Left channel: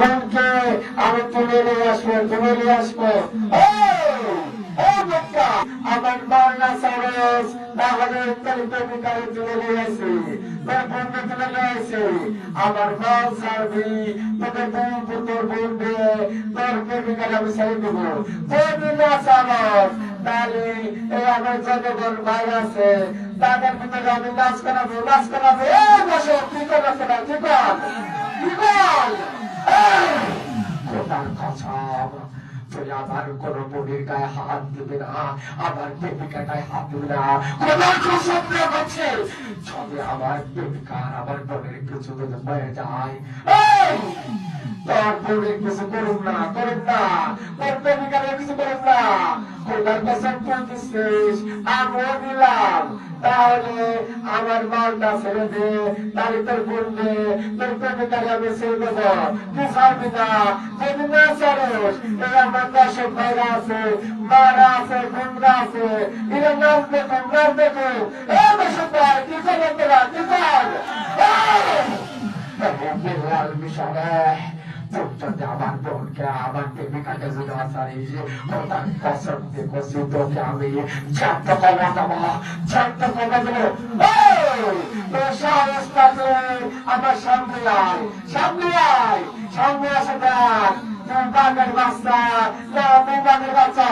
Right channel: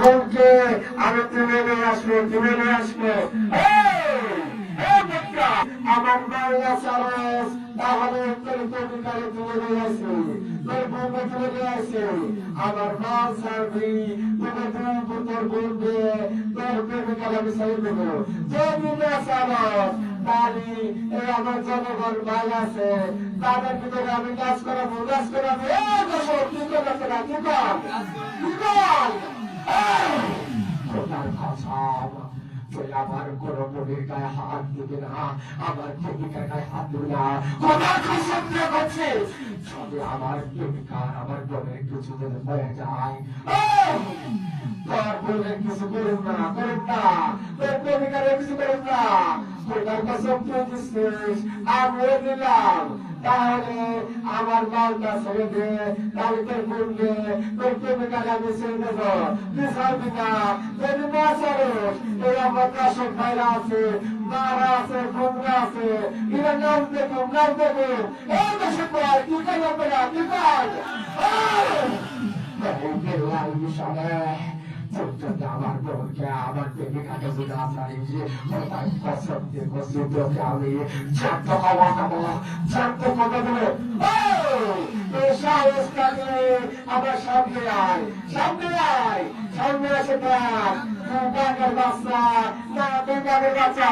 বোনকে আমি তুলে নিয়ে আসবো, তুলে নিয়ে আসবো। আমার মাল্লা সারস তাহলে তোর প্রেমিকারে তুলে নিয়ে আসি, তোর বোনকে তুলে নিয়ে আসি। আমার মাল সারবি, তোকে তোর বোন দিয়ে তোর প্রেমিকারে আমি ছেড়ে দেবো। যদি না সারস তাহলে আমার জনগণ ভাই আছে, তাদের ভিতরে আমি নাচ করাবো, নাচ করাবো। দর্শক কি করবে না, কি কর, কি কর। খোদার কসম, তুই আমার কোন বোনের গায়ে হাত দিবে না, আমার প্রেমিকার গায়ে হাত দিবে না। খোদার কসম দিয়ে বলছি, যদি আমার প্রেমিকা আমার বোনের কিছু যদি হয়ে যায়, তোর বোনের কিছু করুন না, করুন না, তোর প্রেমিকার কিছু করুন না। খোদার কসম তুই দিচ্ছিস, আমিও দিলাম। তাহলে আমার মালটা ছেড়ে দে, তাহলে তোর বোনকে তোর প্রেমিকারে আমি ছেড়ে দেবো। তুই ছাড়বি না, যদি না ছাড়স, এই আমার দর্শক ভাইরা আছে, মারা আছে, বোনরা আছে, এরা নাচ দেখুন, নাচ দেখুন। এই দর্শক ভাই কি করবেন তোরা, কি কর মিশনে যদি আমার বোনকে আমার প্রেমিকাকে যদি আসারিস, তার কসম দিয়ে কষি তোকে আমি জানতে পাবো দেবো, জানতে পাবো দেবো। তোর সাহস থাকলে আমার সামনে আয়, সামনে আয়, সামনে আসে দেখ। তুই বাঘের বাচ্চা না, তুই বাঘের বাচ্চা।